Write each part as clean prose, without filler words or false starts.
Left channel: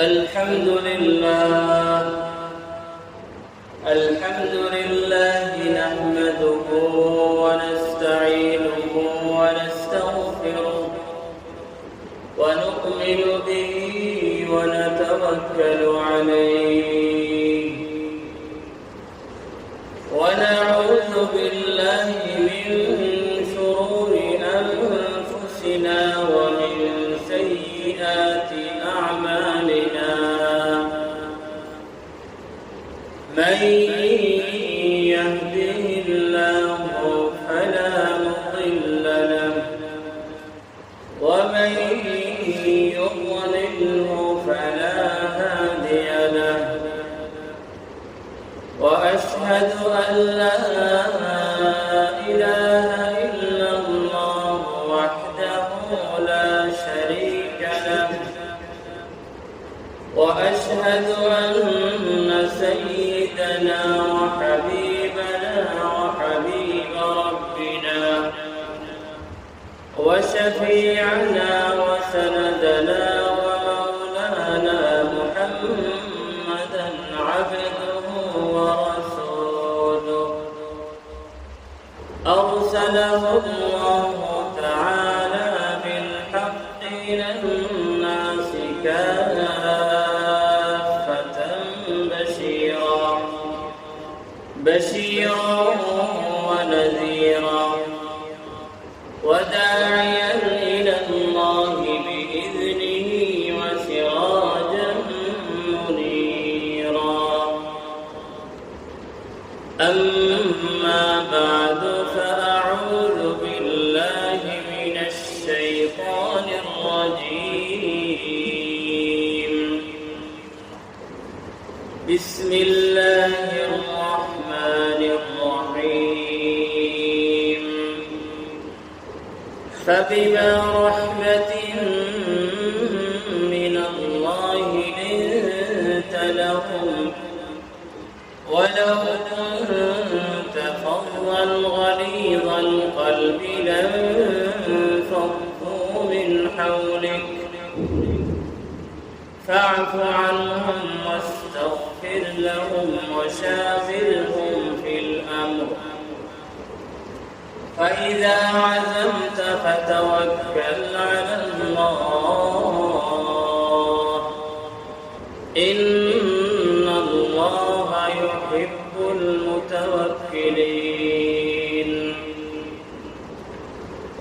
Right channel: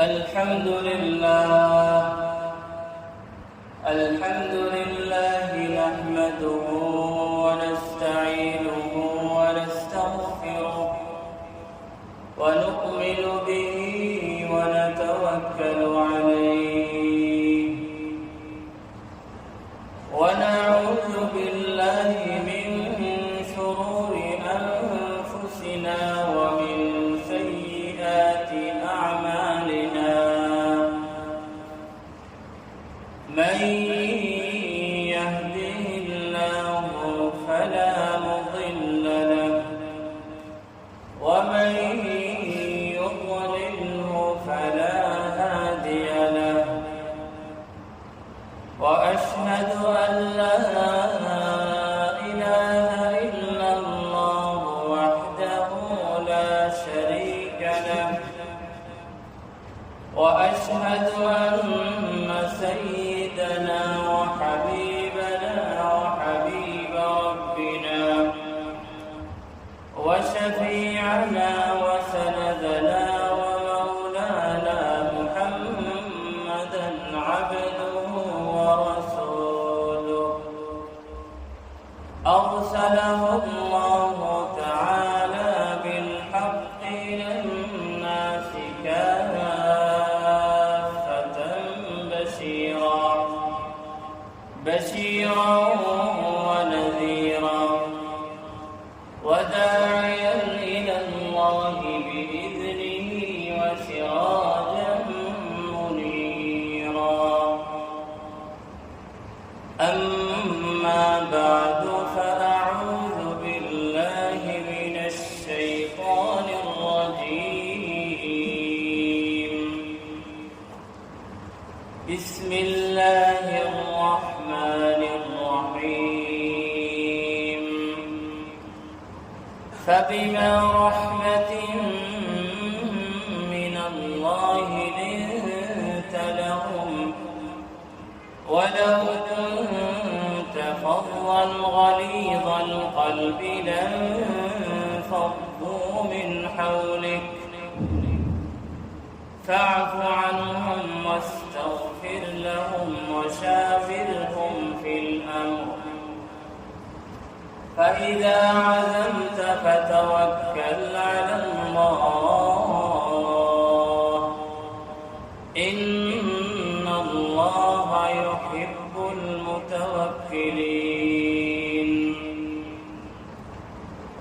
الحمد لله نحمده ونستعينه ونستغفره ونؤمن به ونتوكل عليه ونعوذ بالله من شرور أنفسنا ومن سيئات أعمالنا من يهده الله فلا مضل له ومن يضلله فلا هادي له وأشهد أن لا إله إلا الله وحده لا شريك له وأشهد أن سيدنا وحبيبنا وحبيب ربنا وشفيعنا وسندنا ومولانا محمدا عبده ورسوله أرسله الله تعالى بالحق إلى الناس كافة بشيرا ونذيرا وداعيا إلى الله بإذنه وسراجا منيرا أما بعد فأعوذ بالله من الشيطان الرجيم بسم الله الرحمن الرحيم فبما رحمة من الله لنت لهم ولو كنت فظا غليظ القلب لانفضوا من حولك فاعف عنهم واستغفر لهم وشاورهم في الأمر فإذا عزمت فتوكل على الله إن الله يحب المتوكلين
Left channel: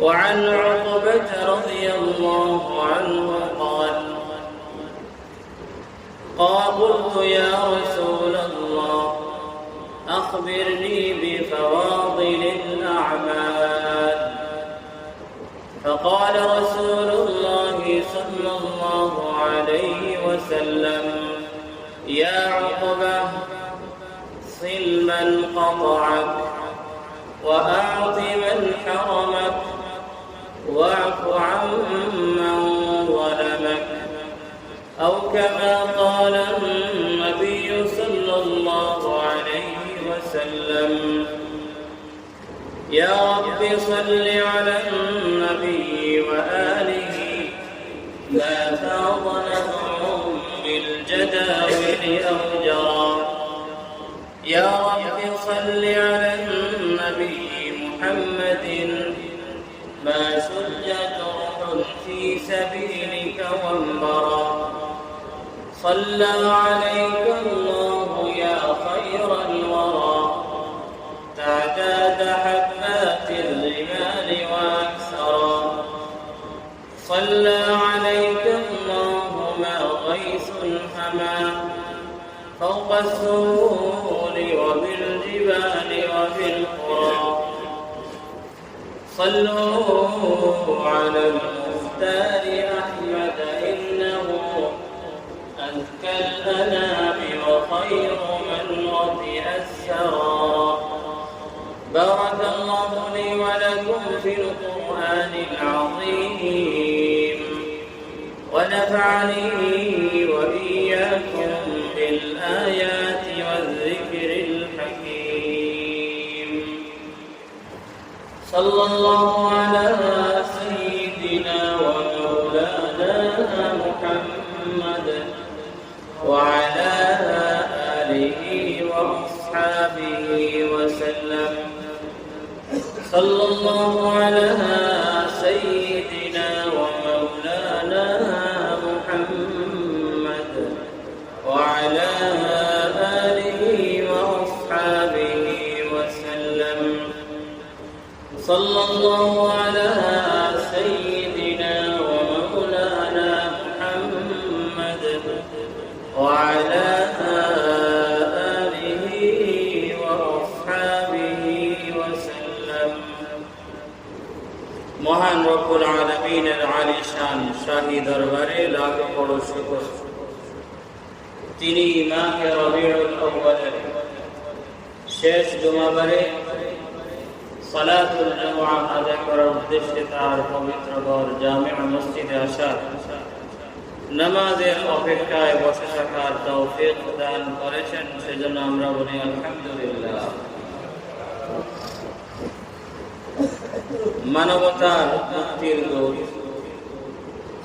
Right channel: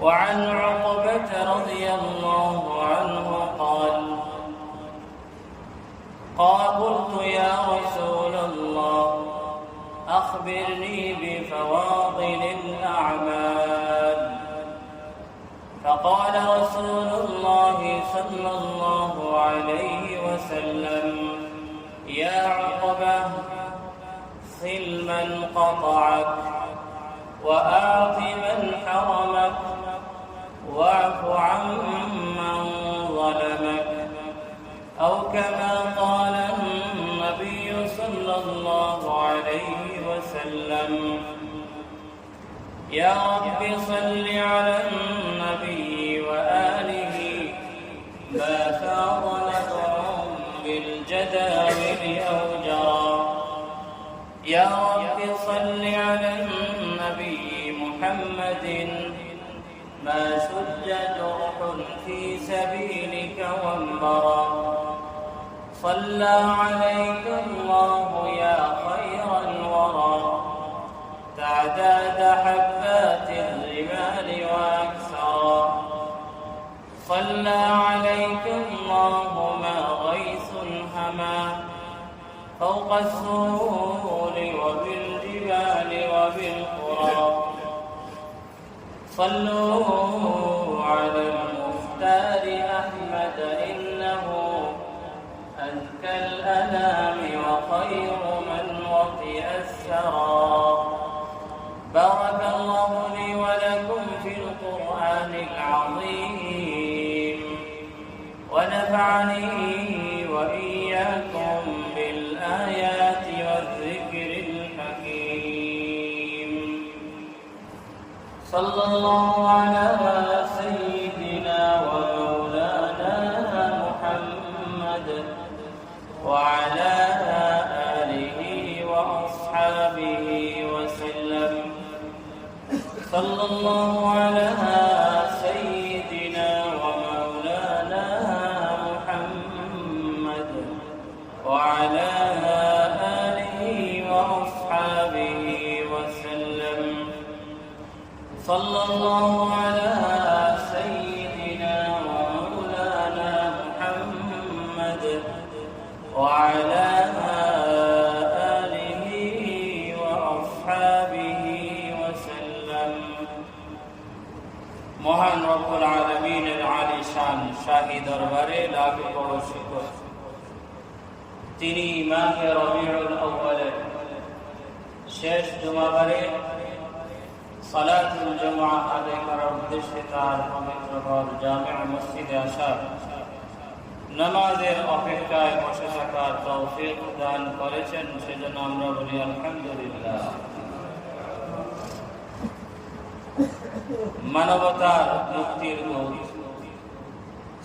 وعن عقبة رضي الله عنه قلت يا رسول الله أخبرني بفواضل الأعمال فقال رسول الله صلى الله عليه وسلم يا عقبة صل من قطعك وأعط من حرمك واعف عمن ظلمك أو كما قال النبي صلى الله عليه وسلم يا رب صل على النبي وآله ما فاض نظر بالجداول أو جرى يا رب صل على النبي محمد ما شج جرح في سبيلك وانبرى صلى عليك الله يا خير الورى تعداد حبات الرمال وأكثرا صلى عليك الله ما غيث حما فوق السهول وبالجبال وبالقرى صلوا على المختار أحمد إنه أزكى الأنام وخير من وطئ السرى بارك الله لي ولكم في القرآن العظيم ونفعني وإياكم بالآيات والذكر الحكيم صلى الله على سيدنا ومولانا محمد وعلى آله وأصحابه وسلم. صلى الله على سيدنا ومولانا محمد وعلى آله وأصحابه وسلم. صلى الله على سيدنا ومولانا محمد وعلى آله وأصحابه وسلم. মহান রব্বুল আলামিনের আলী শান শাহী দরবারে লাখ বড় শুকর, তিনি মাহে রবিউল আউয়ালের শেষ জুমাবারে সালাতুল জুমআ আদায় করার উদ্দেশ্যে তার পবিত্র ঘর জামিআ মসজিদে আসার, নামাজের অপেক্ষায় বসে থাকার তৌফিক দান করেছেন, সেজন্য আমরা বলি আলহামদুলিল্লাহ। মানবতার মুক্তির দূত,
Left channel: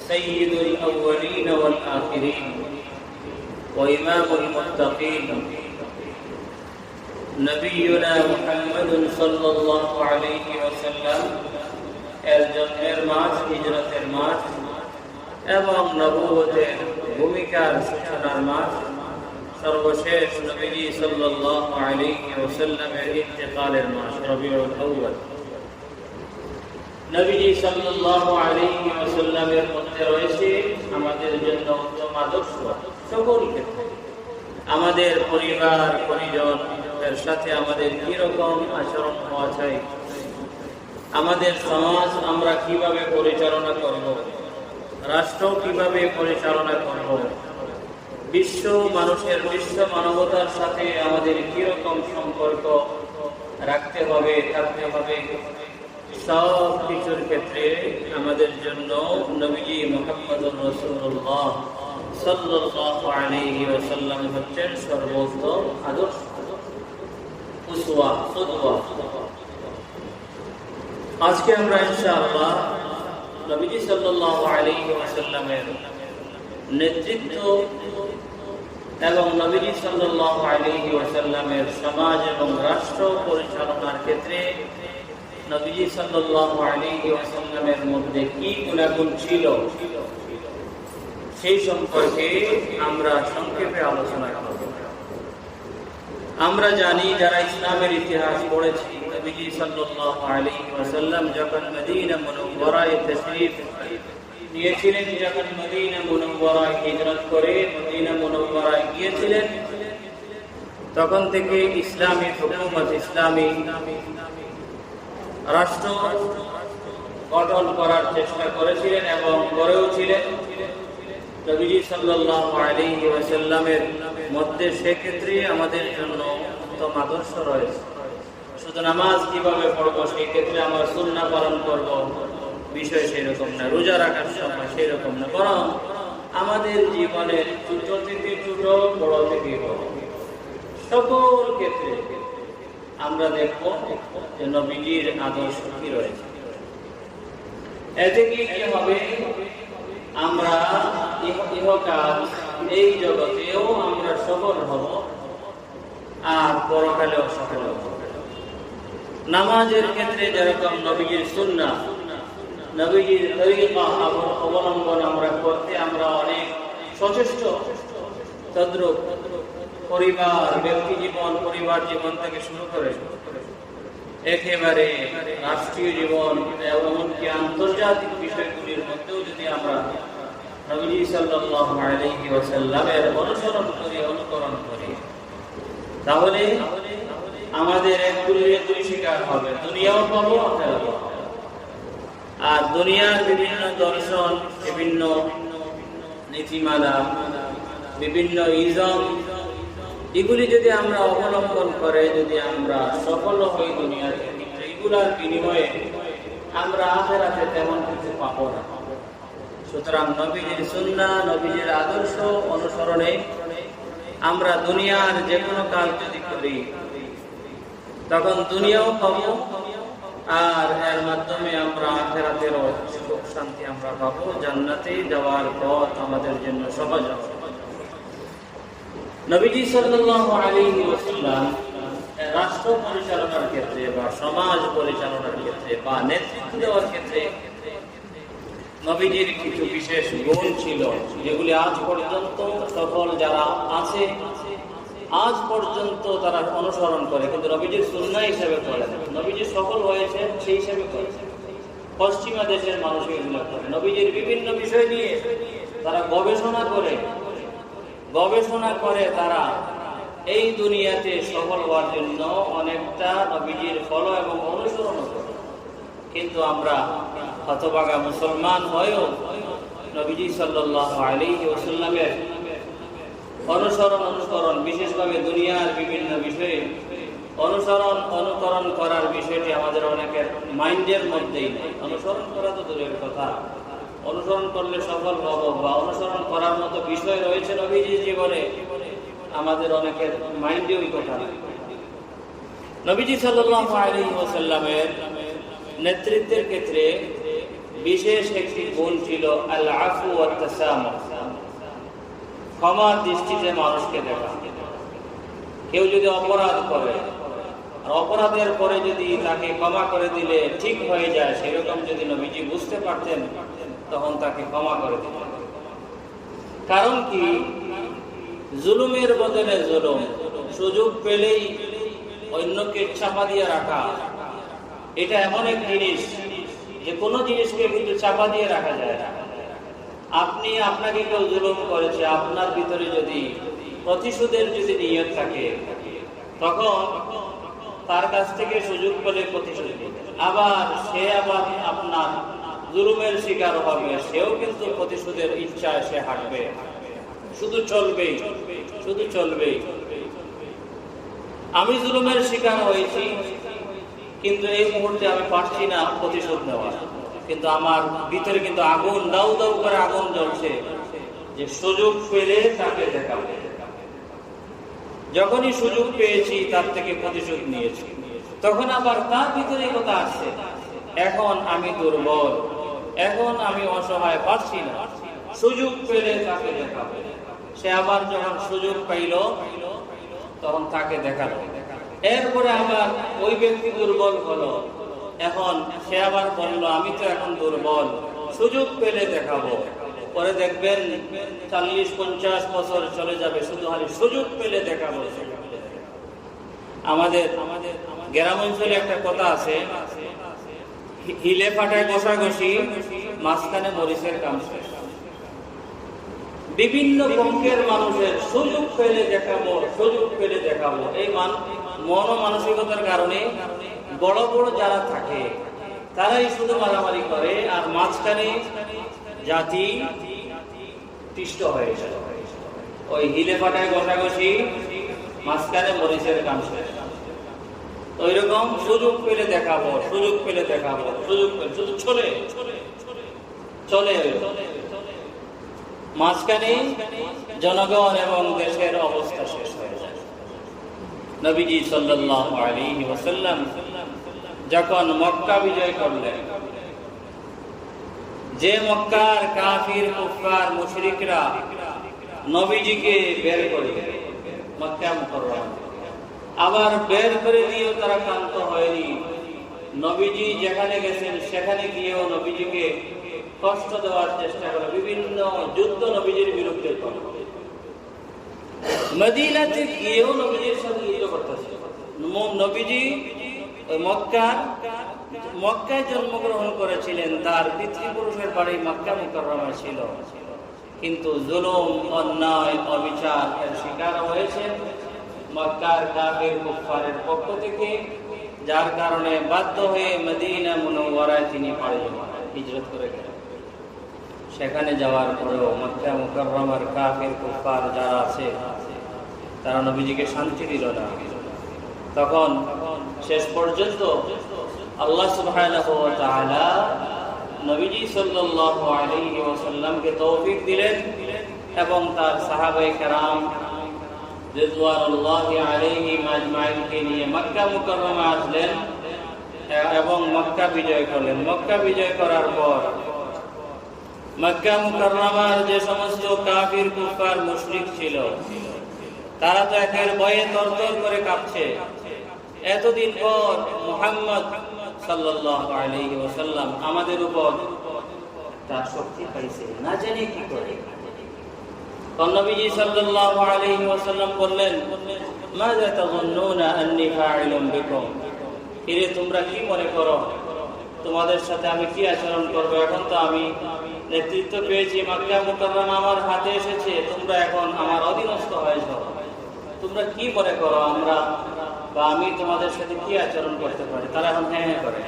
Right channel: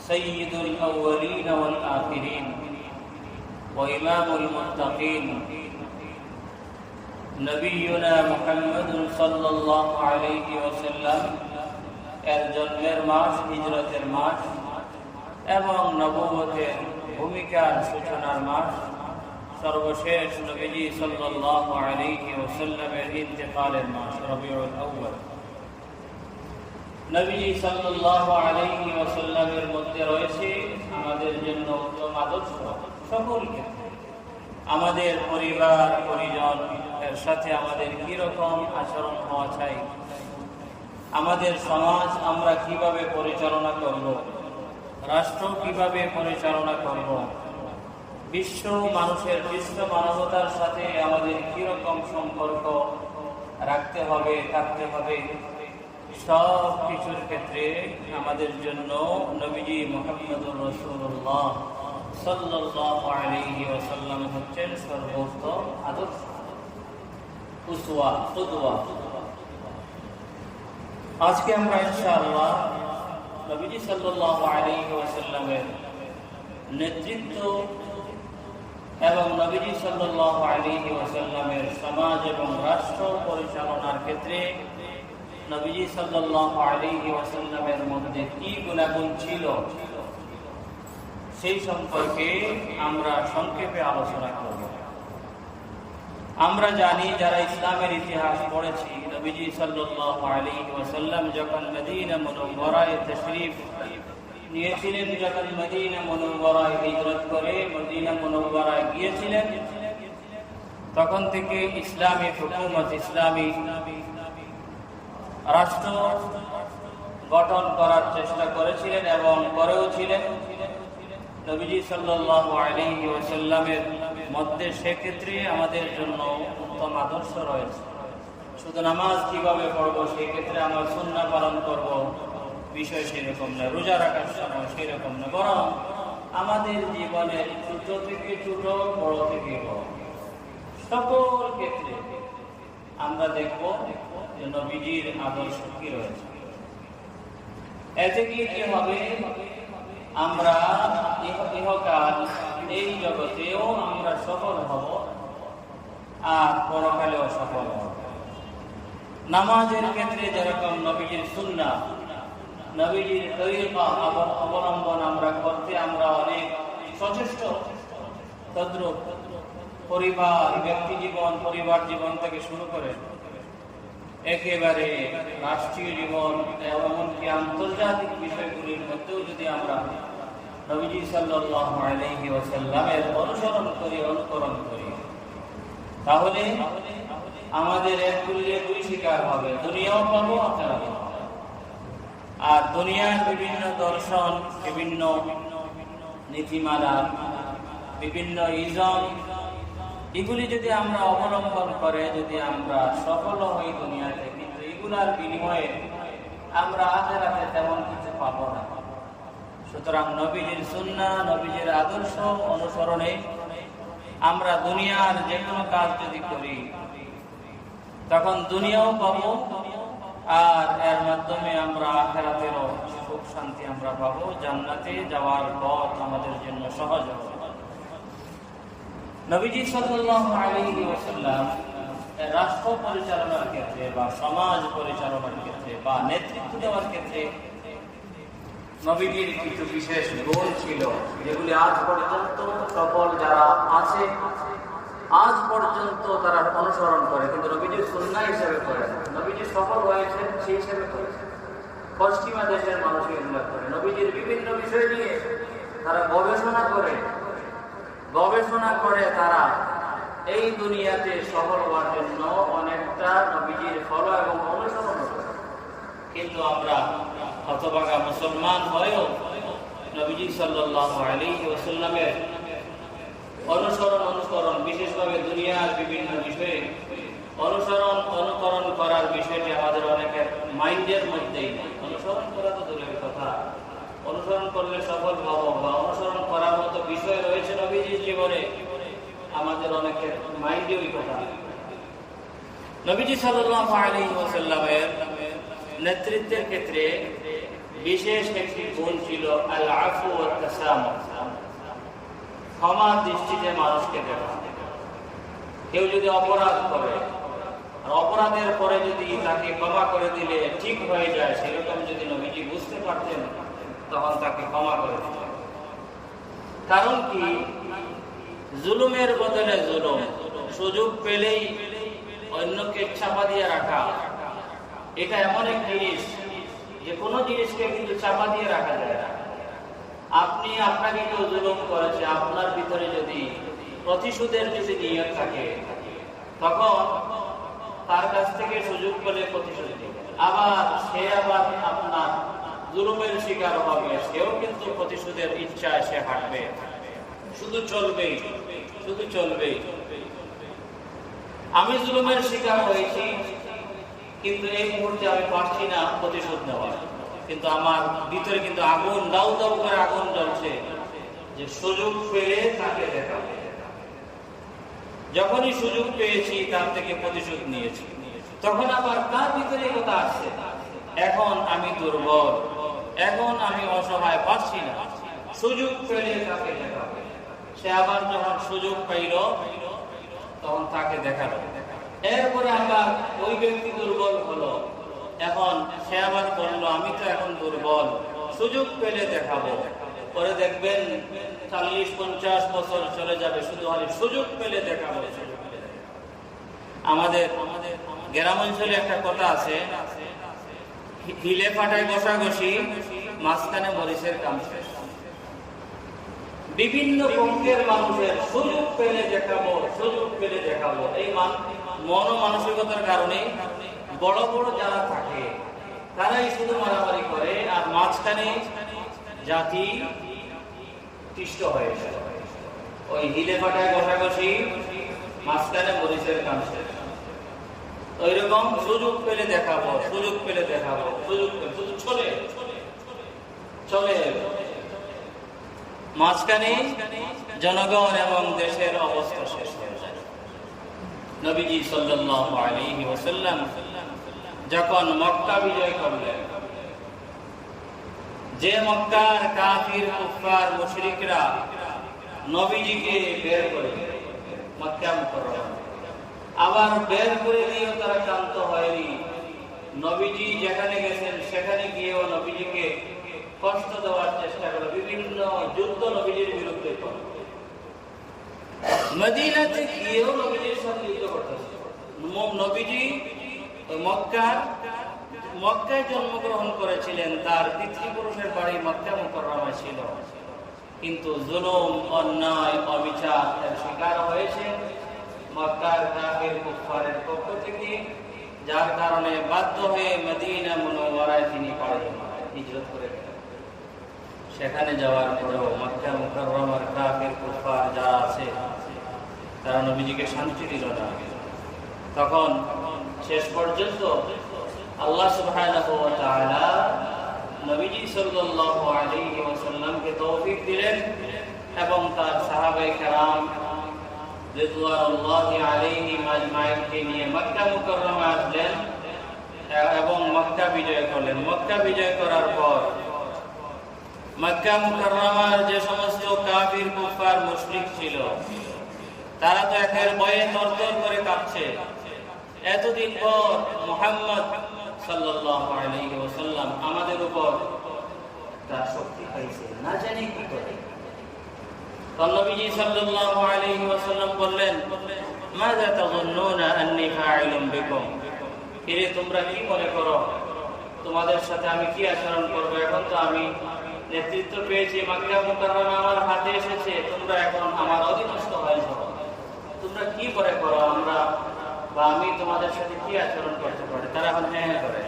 সাইয়্যিদুল আউয়ালিন ওয়াল আখিরিন ওয়া ইমামুল মুত্তাকিন নবিয়ুনা মুহাম্মাদুন সাল্লাল্লাহু আলাইহি ওয়াসাল্লাম এর জন্মের মাস, হিজরতের মাস এবং নবুয়তের ভূমিকার সূচনার মাস, সর্বশেষ নবীজি সাল্লাল্লাহু আলাইহি ওয়াসাল্লামের ইন্তেকালের মাস রবিউল আউয়াল। নবীজি সাল্লাল্লাহু আলাইহি ওয়াসাল্লামের মধ্যে রয়েছে আমাদের জন্য উত্তম আদর্শ। সকল ক্ষেত্রে আমাদের পরিবার পরিজন এর সাথে আমাদের কি রকম আচরণ হওয়া চাই, আমাদের সমাজ আমরা কিভাবে পরিচালনা করব, রাষ্ট্র কিভাবে পরিচালনা করব, বিশ্ব মানুষের, বিশ্ব মানবতার সাথে আমাদের কি রকম সম্পর্ক রাখতে হবে, থাকতে হবে, সব কিছুর ক্ষেত্রে আমাদের জন্য নবীজি মুহাম্মদুর রাসূলুল্লাহ সাল্লাল্লাহু আলাইহি ওয়াসাল্লাম হচ্ছেন সর্বোত্তম আদর্শ, উসওয়া, কুদওয়া। আজকে আমরা ইনশাআল্লাহ নবীজি সাল্লাল্লাহু আলাইহি ওয়াসাল্লামের নেতৃত্ব এবং নবীজি সাল্লাল্লাহু আলাইহি ওয়াসাল্লামের সমাজ এবং রাষ্ট্র পরিচালনার ক্ষেত্রে নবীজি সাল্লাল্লাহু আলাইহি ওয়াসাল্লামের মধ্যে কি গুণাগুণ ছিল সেই সম্পর্কে আমরা সংক্ষেপে আলোচনা করব। আমরা জানি, যারা ইসলামের ইতিহাস পড়েছি, নবীজি সাল্লাল্লাহু আলাইহি ওয়াসাল্লাম যখন মদিনা মুনাওয়ারায় তাশরীফ নিয়েছিলেন, যখন মদিনা মুনাওয়ারায় হিজরত করে মদিনা মুনাওয়ারায় গিয়েছিলেন, তখন থেকে ইসলামী হুকুমত, ইসলামী রাষ্ট্র গঠন করার চেষ্টা করেছিলেন এবং করেও ছিলেন। নবীজি সাল্লাল্লাহু আলাইহি ওয়াসাল্লামের মধ্যে সেক্ষেত্রে আমাদের জন্য উত্তম আদর্শ রয়েছে। শুধু নামাজ কিভাবে পড়বো সেই ক্ষেত্রে আমরা সুন্নাহ পালন করব, বিষয় সেরকম না, রোজা রাখার সময় সেরকম না, বরং আমাদের জীবনের ছোট থেকে ছোট, বড় থেকে বড় সকল ক্ষেত্রে আমরা দেখব যে নবীজির আদর্শ কি রয়েছে। এতে কি হবে, আমরা ইহকাল এই জগতেও আমরা সফল হব আর পরকালেও সফল হব। নামাজের ক্ষেত্রে যেরকম নবীজির সুন্নাহ, নবীজির তরিকা অবলম্বন আমরা করতে আমরা অনেক সচেষ্ট, তদ্রূপ পরিবার, ব্যক্তি জীবন, পরিবার জীবন থেকে শুরু করে একেবারে রাষ্ট্রীয় জীবন, এমনকি আন্তর্জাতিক বিষয়গুলির মধ্যেও যদি আমরা নবীজি সাল্লাল্লাহু আলাইহি ওয়াসাল্লামের অনুসরণ করি, অনুকরণ করি, তাহলে আমাদের একগুলি শিকার হবে, দুনিয়াও পাবো, আখিরাতও পাবো। আর দুনিয়ার বিভিন্ন দর্শন, বিভিন্ন নীতিমালা, বিভিন্ন ইজম, এগুলি যদি আমরা অবলম্বন করে যদি আমরা সফল হই দুনিয়াতে, কিন্তু এগুলার বিনিময়ে আমরা আখিরাতে তেমন কিছু পাবো না। সুতরাং নবীজির সুন্নাহ, নবীজির আদর্শ অনুসরণে আমরা দুনিয়ার যে কোনো কাজ যদি করি তখন দুনিয়াও পাবো, আর এর মাধ্যমে আমরা আখিরাতেরও সুখ শান্তি আমরা পাবো, জান্নাতে যাওয়ার পথ আমাদের জন্য সহজ হবে। নবীজি সাল্লাল্লাহু আলাইহি ওয়াসাল্লাম রাষ্ট্র পরিচালনার ক্ষেত্রে বা সমাজ পরিচালনার ক্ষেত্রে বা নেতৃত্ব দেওয়ার ক্ষেত্রে নবীজির কিছু বিশেষ গুণ ছিল, যেগুলি আজ পর্যন্ত সফল যারা আছে আজ পর্যন্ত তারা অনুসরণ করে, কিন্তু নবীজির সুন্নাহ হিসেবে করে না। নবীজি সফল হয়েছে সেই হিসেবে করেছে। পশ্চিমা দেশের মানুষ এগুলো করে, নবীজির বিভিন্ন বিষয় নিয়ে তারা গবেষণা করে তারা এই দুনিয়াতে সফল হওয়ার জন্য অনেকটা নবীজির ফলো এবং অনুসরণ করে। কিন্তু আমরা হতভাগা মুসলমান হয়েও নবীজি সাল্লাল্লাহু আলাইহি ওয়াসাল্লামের অনুকরণ বিশেষভাবে দুনিয়ার বিভিন্ন বিষয়ে অনুকরণ করার বিষয়টি আমাদের অনেকের মাইন্ডের মধ্যেই নেই। অনুসরণ করা তো দূরের কথা, অনুসরণ করলে সফল হব বা অনুসরণ করার মতো বিষয় রয়েছে নবীজির জীবনে, আমাদের অনেকের মাইন্ডে ওই কথা নেই। নবীজি সাল্লাল্লাহু আলাইহি ওয়াসাল্লামের নেতৃত্বের ক্ষেত্রে বিশেষ একটি গুণ ছিল আল আফু ওয়াত তাসামুহ, ক্ষমার দৃষ্টিতে মানুষকে দেখা। কেউ যদি অপরাধ করে, অপরাধের পরে যদি তাকে ক্ষমা করে দিলে ঠিক হয়ে যায়, সেরকম যদি নবীজি বুঝতে পারতেন তখন তাকে ক্ষমা করে দিতেন। কারণ কি, জুলুমের বদলে জুলুম, সুযোগ পেলেই অন্যকে চাপা দিয়ে রাখা, এটা এমন এক জিনিস যে কোনো জিনিসকে কিন্তু চাপা দিয়ে রাখা যায় না। আপনাকে কেউ জুলুম করেছে, আপনার ভিতরে যদি প্রতিশোধের যদি নিয়ত থাকে, তখন তার কাছ থেকে সুযোগ পেলে প্রতিশোধ নেবে। সে আবার আপনার জুলুমের শিকার হবে, সেও কিন্তু প্রতিশোধের ইচ্ছায় সে হাঁটবে, শুধু চলবেই। আমি জুলুমের শিকার হয়েছি, কিন্তু এই মুহূর্তে আমি পারছি না প্রতিশোধ নেওয়ার, কিন্তু আমার ভিতরে কিন্তু আগুন দাউ দাউ করে আগুন জ্বলছে, যে সুযোগ পেলে তাকে দেখাবো। যখনই সুযোগ পেয়েছি তার থেকে প্রতিশোধ নিয়েছি, তখন আবার তার ভিতরে কথা আসছে, এখন আমি দুর্বল, এখন আমি অসহায়, পারছি না, সুযোগ পেলে তাকে দেখাবো। সে আবার যখন সুযোগ পাইল তখন তাকে দেখালো। এরপরে আবার ওই ব্যক্তি দুর্বল হলো, এখন সে আবার বলল আমি তো এখন দুর্বল, সুযোগ পেলে দেখাবো। পরে দেখবেন 40-50 বছর চলে যাবে, শুধু সুযোগ পেলে দেখাবো। আমাদের গ্রাম অঞ্চলে একটা কথা আছে, হিলে ফাটায় ঘষাঘষি, মাঝখানে মরিচের কাম শেষ। বিভিন্ন পক্ষের মানুষের সুযোগ পেলে দেখাবো, এই মানসিকতার কারণে বড় বড় যারা থাকে তারাই শুধু মারামারি করে, আর মাঝখানে জাতি তিষ্ট হয়ে যায়। ওই হিলে ফাটায় ঘষাঘষি, মাঝখানে মরিচের কাম শেষ। ওইরকম সুযোগ পেলে দেখাবো, শুধু চলে মাঝখানে জনগণ এবং দেশের অবস্থা শেষ হয়ে যায়। নবীজি সাল্লাল্লাহু আলাইহি ওয়াসাল্লাম যখন মক্কা বিজয় করলেন, যে মক্কার কাফির কুফার মুশরিকরা নবীজিকে বের করে মক্কা মুকাররমা, আবার বের করে দিয়েও তারা শান্ত হয়নি। নবীজি যেখানে গেছেন সেখানে গিয়েও নবীজিকে কষ্ট দেওয়ার চেষ্টা করলো, বিভিন্ন যুদ্ধ নবীজির বিরুদ্ধে করল। মদিনাতে গিয়েও নবীজির সাথে যুদ্ধ করতেছে। নবীজি মক্কায় জন্মগ্রহণ করেছিলেন, তার পিতৃপুরুষের বাড়ি মক্কা মুকাররমায় ছিল, কিন্তু জুলুম, অন্যায়, অবিচার এর শিকার হয়েছেন মক্কার কাফির কুফারের পক্ষ থেকে, যার কারণে বাধ্য হয়ে মদিনা মুনাওয়ারায় তিনি হিজরত করে গেলেন। সেখানে যাওয়ার পরেও মক্কা মুকাররমার কাফির কুফার যারা আছে তারা নবীজিকে শান্তি দিল না। তখন শেষ পর্যন্ত আল্লাহ সুবহানাহু ওয়া তাআলা নবীজি সাল্লাল্লাহু আলাইহি ওয়াসাল্লামকে তৌফিক দিলেন এবং তার সাহাবায়ে কেরাম রিদওয়ানুল্লাহি আলাইহিম আজমাইনকে নিয়ে মক্কা মুকাররমায় আসলেন এবং মক্কা বিজয় করলেন। মক্কা বিজয় করার পর মক্কা মুকাররমার যে সমস্ত কাফির কুফার মুশরিক ছিল, তারা তো একের ভয়ে তরতর করে কাঁপছে। এতদিন পর মুহাম্মদ সাল্লাল্লাহু আলাইহি ওয়াসাল্লাম আমাদের উপর তার শক্তি পাইছে, না জানি কি করে। নবীজি সাল্লাল্লাহু আলাইহি ওয়াসাল্লাম বললেন, মাযা তাযুন্নুনা আন্নী ফাইলুম বিকুম, এরে তোমরা কি মনে করো তোমাদের সাথে আমি কি আচরণ করব? এখন তো আমি নেতৃত্ব পেয়েছি, মক্কা মুকাররমা আমার হাতে এসেছে, তোমরা এখন আমার অধীনস্থ হয়েছ, তোমরা কি মনে করো আমরা বা আমি তোমাদের সাথে কি আচরণ করতে পারি? তারা এখন হ্যাঁ করে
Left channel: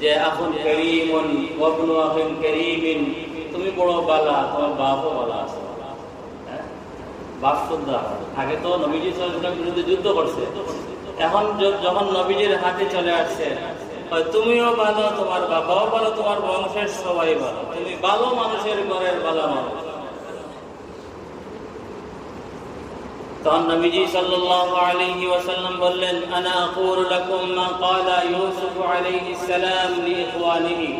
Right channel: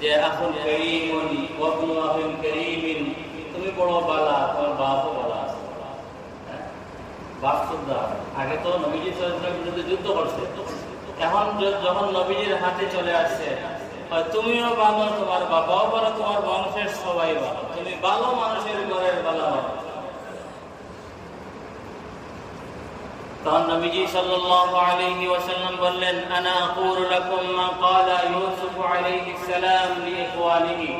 যে আখুন কারীমুন ওয়া ইবনু আখিন কারীমিন, তুমি বড় বালা, তোমার বাপও বালা আছে। বাপ শ্রদ্ধা আগে তো নবীজি সাল্লাল্লাহু আলাইহি ওয়াসাল্লামের বিরুদ্ধে যুদ্ধ করছে, এখন যখন নবীজির হাতে চলে আসছে, তুমিও ভালো, তোমার বাবাও ভালো, তোমার বংশের সবাই ভালো, তুমি ভালো মানুষের ঘরের ভালো মানুষ। তখন নবীজি সাল্লাল্লাহু আলাইহি ওয়াসাল্লাম বললেন, আনা আকুলু লাকুম মা ক্বালা ইউসুফ আলাইহিস সালাম লিইখওয়ানিহি,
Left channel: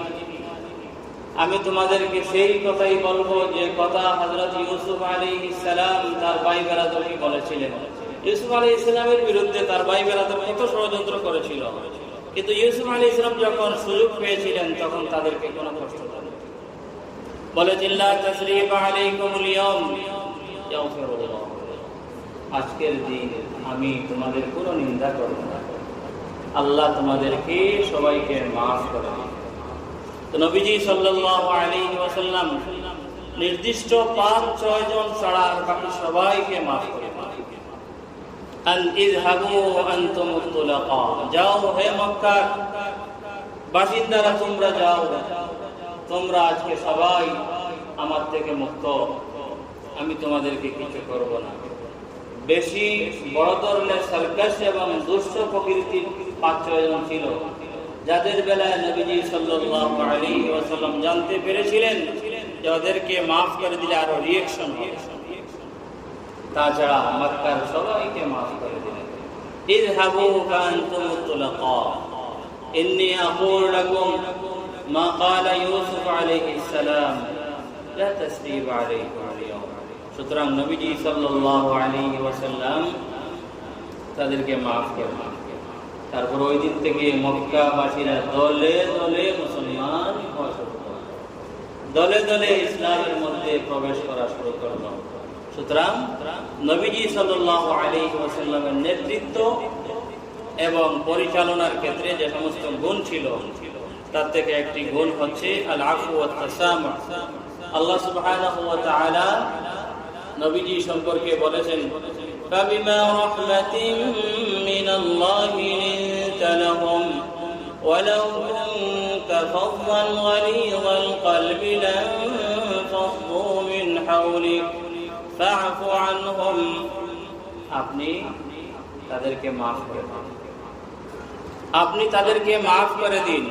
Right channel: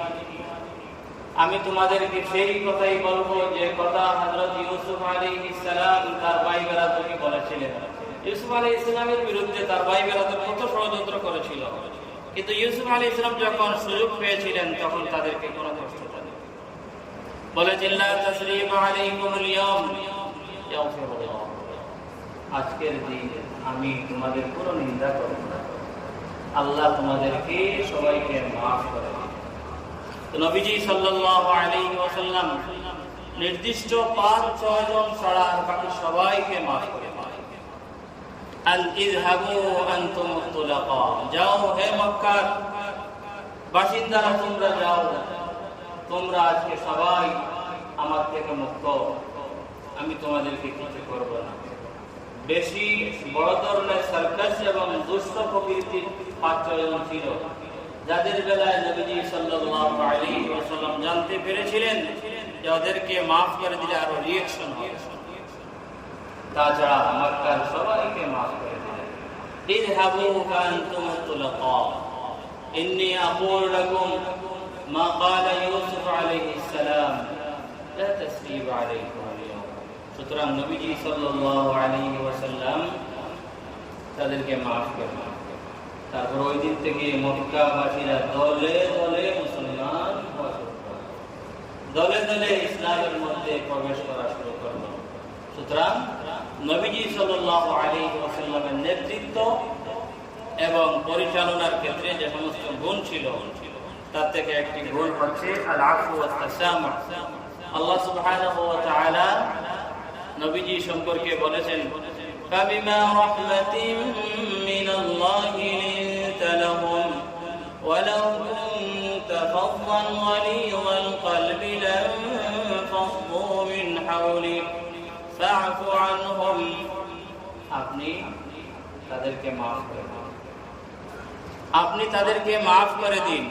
আমি তোমাদেরকে সেই কথাই বলবো যে কথা হযরত ইউসুফ আলাইহিস সালাম তার ভাই বেরাদরকে বলেছিলেন। ইউসুফ আলাইহিস সালামের বিরুদ্ধে তার ভাই বেরাদর কত ষড়যন্ত্র করেছিল, কিন্তু ইউসুফ আলাইহিস সালাম যখন সুযোগ পেয়েছিলেন তখন তাদেরকে কোনো কষ্ট দেননি। বলেছেন, লা তাসরিবা আলাইকুমুল ইয়াওম ইয়াগফিরুল্লাহ, আজকের দিন আমি তোমাদের কোনো নিন্দা করব না, আল্লাহ তোমাদেরকে সবাইকে মাফ করে দিন। তো নবীজি সাল্লাল্লাহু আলাইহি ওয়াসাল্লাম নির্দিষ্ট 5-6 জন ছাড়া আর বাকি সবাইকে মাফ করে দিলেন। আন ইযহাবু আনতুম তুলাকা, যাও হে মক্কার বাসিন্দারা, তোমরা যাও, তোমরা আজকে সবাই আমার থেকে মুক্ত, আমি তোমাদেরকে কিছু করব না। বেশি বড় ধরনের সার্কাস এবং দুষ্ট প্রকৃতির 5-6 জন ছিল, যাদের বেলায় নবীজি সাল্লাল্লাহু আলাইহি ওয়াসাল্লাম জানতে পেরেছিলেন যে ওদেরকে মাফ করে দিলে আরো রিঅ্যাকশন হবে। তাছাড়া মক্কার সবাইকে মাফ করে দিলেন। ইযহাবু ফাআনতুম তুলাকা ইন্নী আকুলু লাকুম মা ক্বালা ইউসুফ আলাইহিস সালাম লা তাসরিবা আলাইকুম আল-ইয়াওম। সুতরাং নবীজি সাল্লাল্লাহু আলাইহি ওয়াসাল্লাম তাদেরকে মাফ করলেন। তারপর ওই দিন থেকে মক্কাবাসীরা দলে দলে মুসলমান হওয়া শুরু করল, দলে দলে ইসলামের মধ্যে প্রবেশ করা শুরু করল। সুতরাং নবীজি সাল্লাল্লাহু আলাইহি ওয়াসাল্লামের নেতৃত্ব এবং পরিচালনার ক্ষেত্রে যে সমস্ত গুণ ছিল, তার থেকে একটি গুণ হচ্ছে আল আফু ওয়াত তাসামুহ। আল্লাহ সুবহানাহু ওয়া তাআলা নবীজি সম্পর্কে বলেছেন, فبما رحمة من الله لنت لهم ولو كنت فظا غليظ القلب لانفضوا من حولك فاعف عنهم, আপনি তাদেরকে মাফ করে দিন, আপনি তাদেরকে মাফ করে দিন।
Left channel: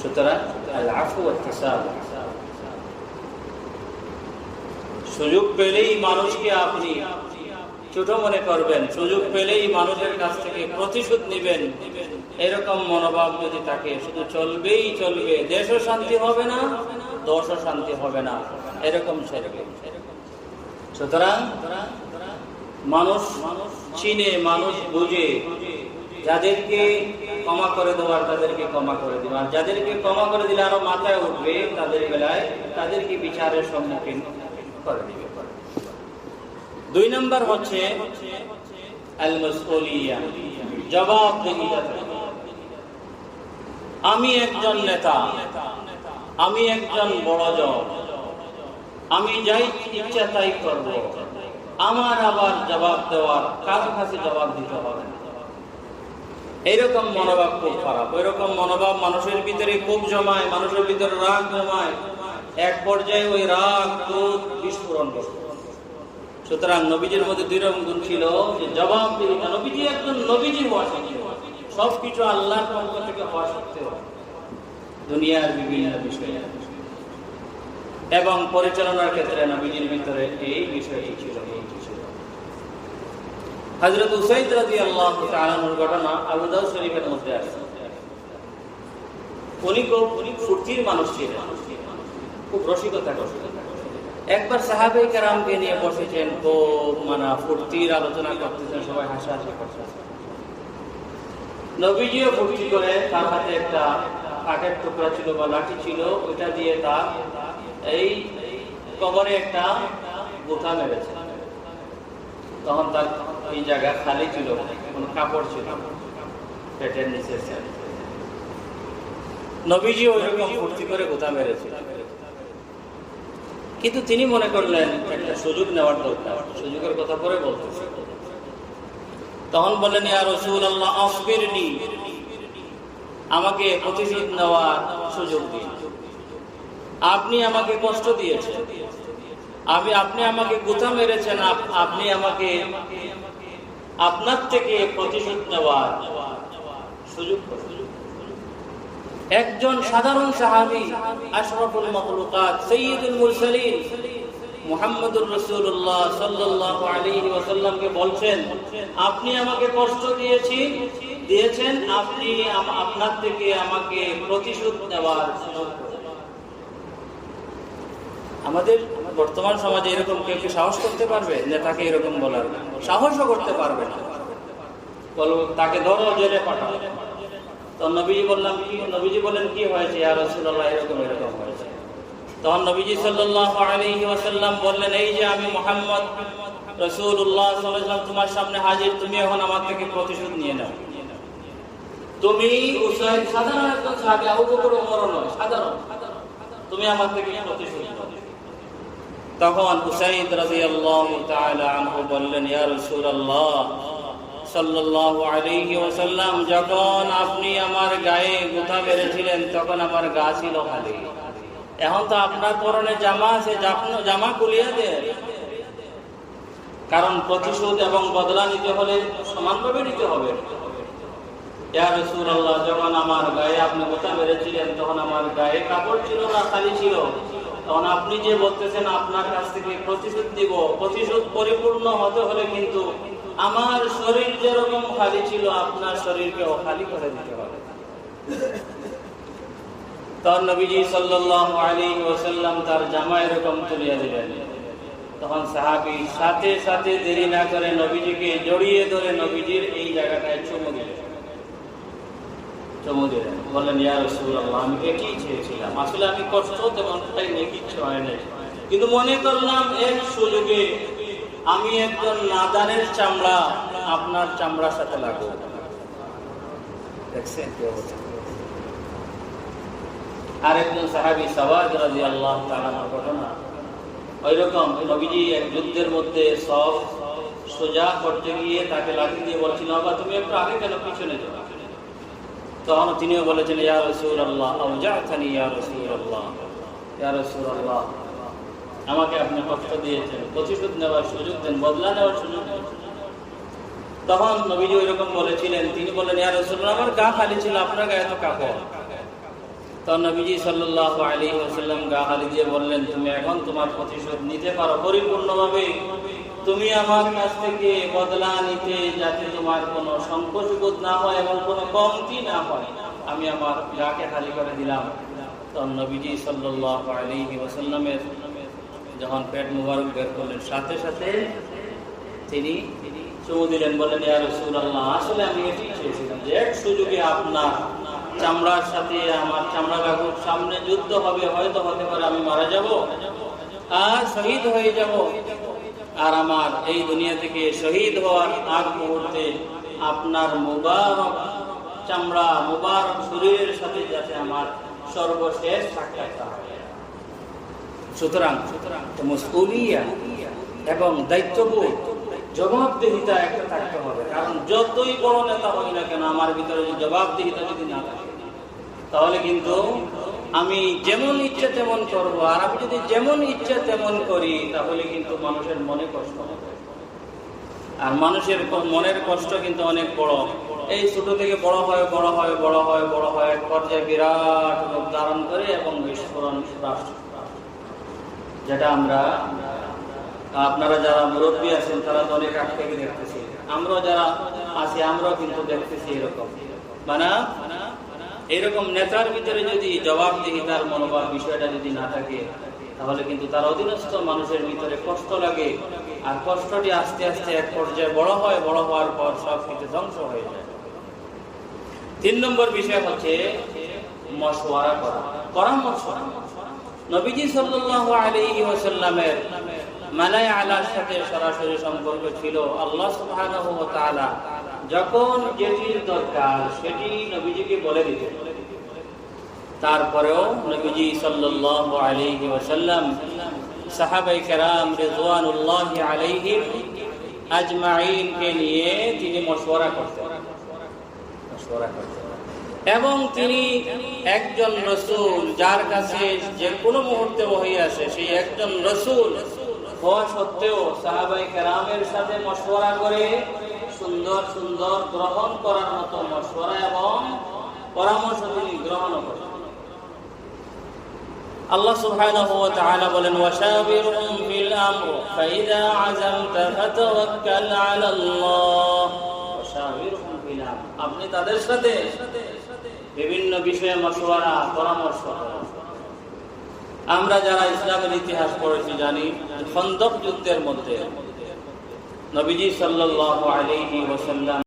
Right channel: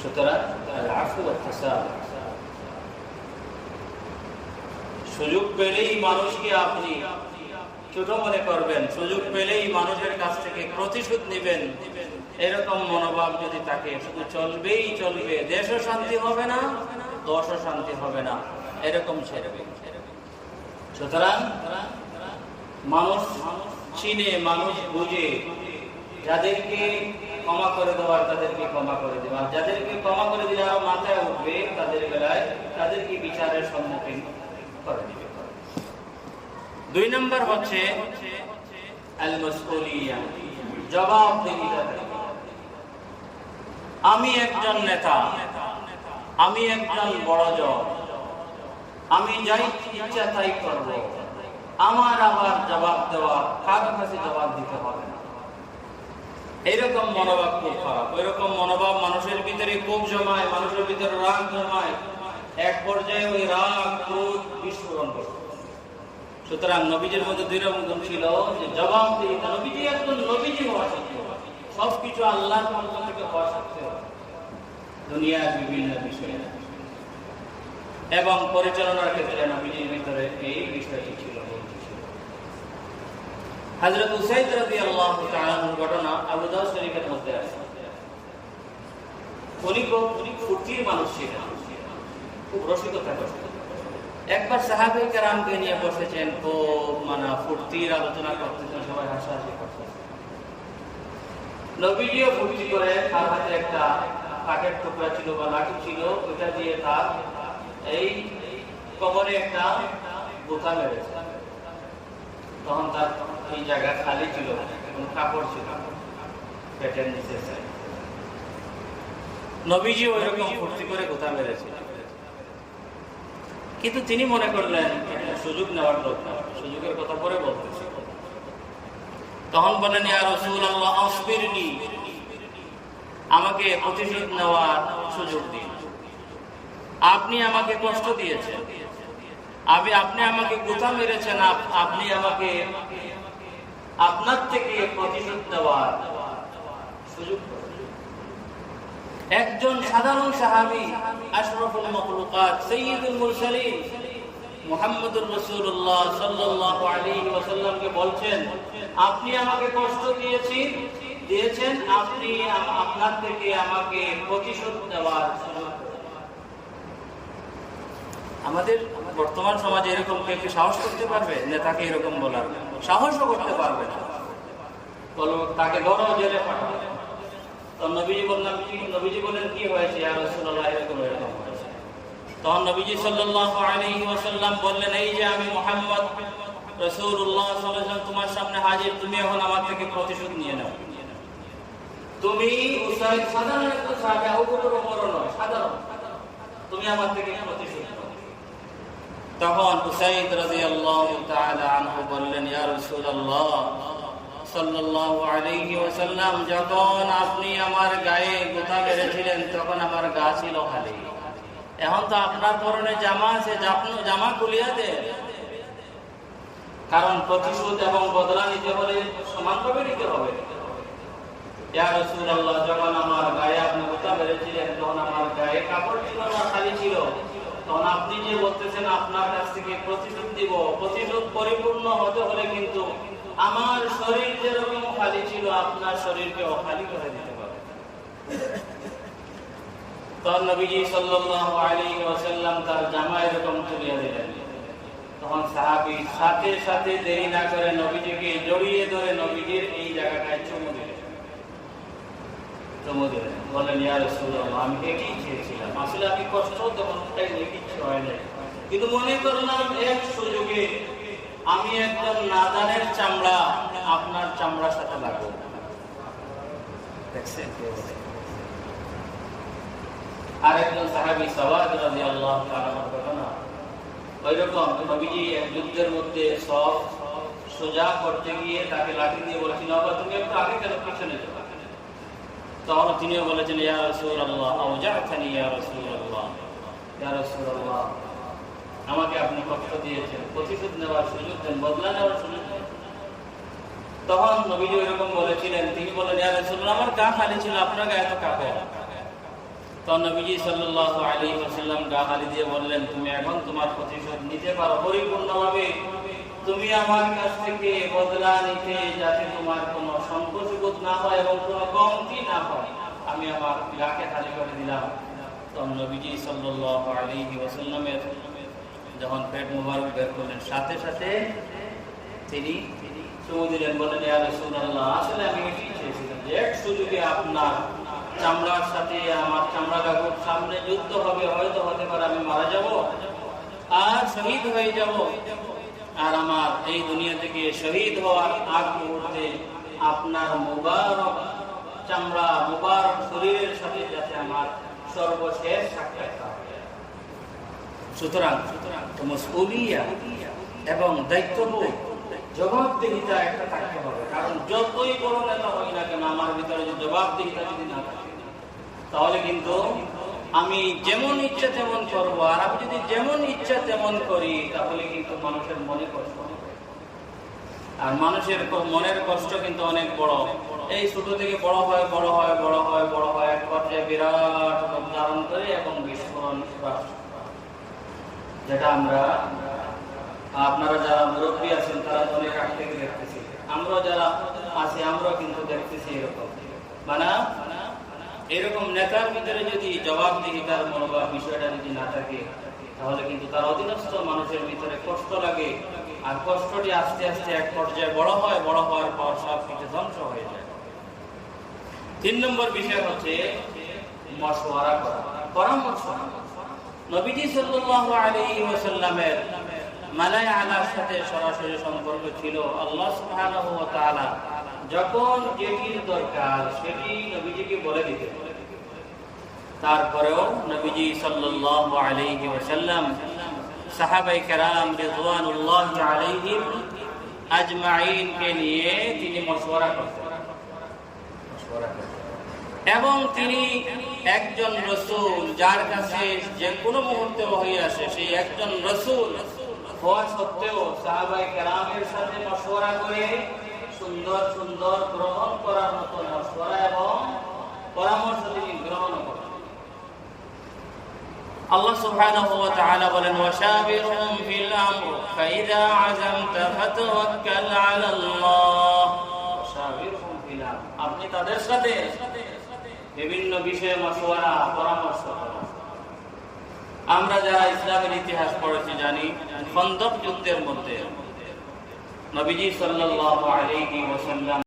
সুতরাং আল আফু ওয়াত তাসামুহ, সুযোগ পেলেই মানুষকে আপনি ছোট মনে করবেন, সুযোগ পেলেই মানুষের কাছ থেকে প্রতিশোধ নেবেন, এরকম মনোভাব যদি থাকে, শুধু চলবেই চলবে, দেশও শান্তি হবে না, দশও শান্তি হবে না, এরকম ছেড়ে। সুতরাং মানুষ চিনে, মানুষ বুঝে, যাদেরকে ক্ষমা করে দেওয়ার তাদেরকে ক্ষমা করে দেওয়া, যাদেরকে ক্ষমা করে দিলে আরো মাথায় উঠবে তাদের বেলায় তাদেরকে বিচারের সম্মুখীন করে দিবে। 2 নম্বর হচ্ছে আল মাসউলিয়া, জবাবদিহিতা। আমি একজন নেতা, আমি একজন বড় জন, আমি যাই ইচ্ছা তাই করব, আমার আবার জবাব দেওয়ার, কারো কাছে জবাব দিতে হবে না। এইরকম মনোভাব খুব খারাপ। ওইরকম মনোভাব মানুষের ভিতরে খুব জমায়, মানুষের ভিতরে রাগ জমায়, এক পর্যায়ে ওই রাগ ক্রোধ বিস্ফোরণ করে। সুতরাং নবীজির মধ্যে 2 রকম গুণ ছিল, যে জবাবদিহিতা। নবীজি একজন নবীজি হওয়া সত্ত্বেও, সবকিছু আল্লাহর পক্ষ থেকে হওয়া সত্ত্বেও, দুনিয়ার বিভিন্ন বিষয়ে এবং পরিচালনার ক্ষেত্রে নবীজির ভিতরে এই বিষয়টি ছিল। হযরত উসাইদ রাদিয়াল্লাহু তাআলা এর ঘটনা আবু দাউদ শরীফের মধ্যে আছে। উনি খুব ফুর্তির মানুষ ছিলেন, খুব রসিকতা করতেন। একবার সাহাবায়ে কেরামকে নিয়ে বসেছেন, খুব ফুর্তির আলোচনা করতেছেন, সবাই হাসাহাসি করতেছেন। নবীজিও ফুর্তি করে তার হাতে একটা কাঠের টুকরা ছিল বা লাঠি ছিল, ওইটা দিয়ে তার এই কবরে একটা গোথা মেরেছে। তখন তার এই জায়গা খালি ছিল, কোনো কাপড় ছিল পেটের নিচে। নবীজি ওইরকম ফুর্তি করে গোথা মেরেছে, কিন্তু তিনি মনে করলেন একটা সুযোগ নেওয়ার দরকার, সুযোগের কথা পরে বলতেছি। তখন বললেন, ইয়া রাসূলুল্লাহ আসবিরনি, আমাকে প্রতিশোধ নেওয়ার সুযোগ দিন। আপনি আমাকে কষ্ট দিয়েছেন, আপনি আমাকে গোথা মেরেছেন, আপনি আমাকে আপনার থেকে প্রতিশোধ নেওয়ার সুযোগ করুন। একজন সাধারণ সাহাবী, আশরাফুল মাখলুকাত, সাইয়্যিদুল মুরসালিন মুহাম্মদুর রাসূলুল্লাহ সাল্লাল্লাহু আলাইহি ওয়াসাল্লামকে বলছেন, আপনি আমাকে কষ্ট দিয়েছেন, আপনি আপনার থেকে আমাকে প্রতিশোধ নেওয়ার সুযোগ করুন। আমাদের বর্তমান সমাজে এরকম কেউ কি সাহস করতে পারবে? নেতাকে এরকম বলার সাহসও করতে পারবে না। বলো তাকে ধরো, জেলে পাঠাও। তো নবীজি বললেন কি হয়েছে? ইয়া রাসূলুল্লাহ এরকম হয়েছে। তখন নবীজি সাল্লাল্লাহু আলাইহি ওয়াসাল্লাম বললেন, এই যে আমি মুহাম্মদ রাসূলুল্লাহ সাল্লাল্লাহু আলাইহি ওয়াসাল্লাম তোমার সামনে হাজির, তুমি এখন আমার থেকে প্রতিশোধ নিয়ে নাও। তুমি উসাইদ সাধারণ একজন সাহাবী, আবু বকর ওমর নয়, সাধারণ, তুমি আমার থেকে প্রতিশোধ নাও। তখন উসাইদ রাদিয়াল্লাহু তাআলা আনহু বললেন, ইয়া রাসূলুল্লাহ সাল্লাল্লাহু আলাইহি ওয়াসাল্লাম, যখন আপনি আমার গায়ে গোথা মেরেছিলেন তখন আমার গা ছিল খালি, এখন তো আপনার পরনে জামা আছে, জামা খুলিয়ে দেন, কারণ প্রতিশোধ এবং বদলা নিতে হলে সমানভাবে নিতে হবে। ইয়া রাসূলুল্লাহ, যখন আমার গায়ে আপনি গোথা মেরেছিলেন তখন আমার গায়ে কাপড় ছিল না, খালি ছিল। তখন আপনি যে বলতেছেন আপনার কাছ থেকে প্রতিশোধ দিব, প্রতিশোধ পরিপূর্ণ হতে হলে কিন্তু আমার শরীর যেরকম খালি ছিল আপনার শরীরকেও খালি করে দিতে হবে। তখন নবীজি সাল্লাল্লাহু আলাইহি ওয়াসাল্লাম তার জামা এরকম তুলিয়ে দিলেন। তখন সাহাবী সাথে সাথে দেরি না করে নবীজিকে জড়িয়ে ধরে নবীজির এই জায়গাটায় চুমু দিলেন। বললেন, ইয়া রাসূলুল্লাহ, আমি এটাই চেয়েছিলাম, আসলে আমি কষ্ট তেমন পাইনি, কিচ্ছু হয় নাই, কিন্তু মনে করলাম এর সুযোগে আমি একজন নাদানের চামড়া আপনার চামড়ার সাথে লাগবো। দেখছেন আরেকজন সাহাবী সাওয়াদ রাদিয়াল্লাহু তাআলার ঘটনা, ওইরকম নবীজি এক যুদ্ধের মধ্যে সব সোজা করতে গিয়ে তাকে লাঠি দিয়ে বলেছিল, বাবা তুমি একটু আগে কেন পিছনে যাও? তখন তিনিও বলেছেন, ইয়া রাসূলুল্লাহ আওজা'তানি, ইয়া রাসূলুল্লাহ, ইয়া রাসূলুল্লাহ, আমাকে আপনি কষ্ট দিয়েছেন, প্রতিশোধ নেওয়ার সুযোগ দেন, বদলা নেওয়ার সুযোগ দেন। তখন নবীজি এরকম বলেছিলেন, তিনি বললেন, ইয়া রাসূলুল্লাহ, আমার গা খালি ছিল, আপনার গায়ে তো কাপড়। তখন নবীজি সাল্লাল্লাহু আলাইহি ওয়াসাল্লাম গা খালি দিয়ে বললেন, তুমি এখন তোমার প্রতিশোধ নিতে পারো পরিপূর্ণভাবে, তুমি আমার কাছ থেকে বদলা নিতে যাতে তোমার কোনো সংকোচ বোধ না হয় এবং কোনো কমতি না হয়, আমি আমার গাকে খালি করে দিলাম। তখন নবীজি সাল্লাল্লাহু আলাইহি ওয়াসাল্লামের যখন পেট মুবারক বের করলেন, সাথে সাথে তিনি চুমু দিলেন, বললেন, ইয়া রাসূলুল্লাহ, আসলে আমি এটাই চেয়েছিলাম যে এক সুযোগে আপনার চামড়ার সাথে আমার চামড়া লাগুর সামনে যুদ্ধ হবে, হয়তো হতে পারে আমি মারা যাব আর শহীদ হয়ে যাব, আর আমার এই দুনিয়া থেকে শহীদ হওয়ার আগ মুহূর্তে আপনার মুবারক চামড়া, মুবারক শরীরের সাথে যাতে আমার সর্বশেষ সাক্ষাৎ হয়। সুতরাং মাসউলিয়া এবং দায়িত্ববোধ, জবাবদিহিতা একটা থাকতে হবে, কারণ যতই বড় নেতা হই না কেন আমার ভিতরে যে জবাবদিহিতা যদি না থাকে তাহলে কিন্তু আমি যেমন ইচ্ছা তেমন করবো, আর আমি যদি যেমন ইচ্ছা তেমন করি তাহলে কিন্তু মানুষের মনে কষ্ট হবে, আর মানুষের মনের কষ্ট কিন্তু অনেক বড়। এই ছোট থেকে বড় হয় এক পর্যায়ে বিরাট রূপ ধারণ করে এবং বিস্ফোরণ, যেটা আমরা, আপনারা যারা মুরব্বী আছেন তারা তো অনেক আগ থেকে দেখতেছি, আমরা যারা আছি আমরাও কিন্তু দেখতেছি এরকম। মানে এরকম নেতার ভিতরে যদি জবাবদিহিতার মনোভাব বিষয়টা যদি না থাকে, তাহলে কিন্তু তার অধীনস্থ মানুষের ভিতরে কষ্ট লাগে, আর কষ্টটি আস্তে আস্তে এক পর্যায়ে বড় হয়, বড় হওয়ার পর সব কিছু ধ্বংস হয়ে যায়। 3 নম্বর বিষয় হচ্ছে মশওয়ারা করা, পরামর্শ। নবীজি সাল্লাল্লাহু আলাইহি ওয়াসাল্লামের মানায় আলার সাথে সরাসরি সম্পর্ক ছিল। আল্লাহ সুবহানাহু ওয়া তাআলা যখন যেটির দরকার সেটি নবীজিকে বলে দিতেন। তারপরেও নবীজি সাল্লাল্লাহু আলাইহি ওয়াসাল্লাম সাহাবায়ে কেরাম রিদওয়ানুল্লাহি আলাইহিম আজমাইন কে নিয়ে তিনি মশওয়ারা করতেন। এবং তিনি একজন রাসূল, যার কাছে যে কোনো মুহূর্তে ওহী আসে, সেই একজন রাসূল হওয়া সত্ত্বেও সাহাবায়ে কেরামের সাথে মশওয়ারা করে সুন্দর সুন্দর গ্রহণ করার মতো মশওয়ারা এবং পরামর্শ তিনি গ্রহণ করেন। আল্লাহ সুবহানাহু ওয়া তাআলা বলেন, ওয়াশাবিরহুম ফিল আমর ফাইযা আযামতা ফাতাওয়াক্কাল আলাল্লাহ। ওয়াশাবিরহুম ফিল আমর, আপনি তাদের সাথে বিভিন্ন বিষয়ে মশওয়ারা, পরামর্শ করেন। আমরা যারা ইসলামের ইতিহাস পড়েছি জানি, খন্দক যুদ্ধের মধ্যে নবীজি সাল্লাল্লাহু আলাইহি ওয়াসাল্লাম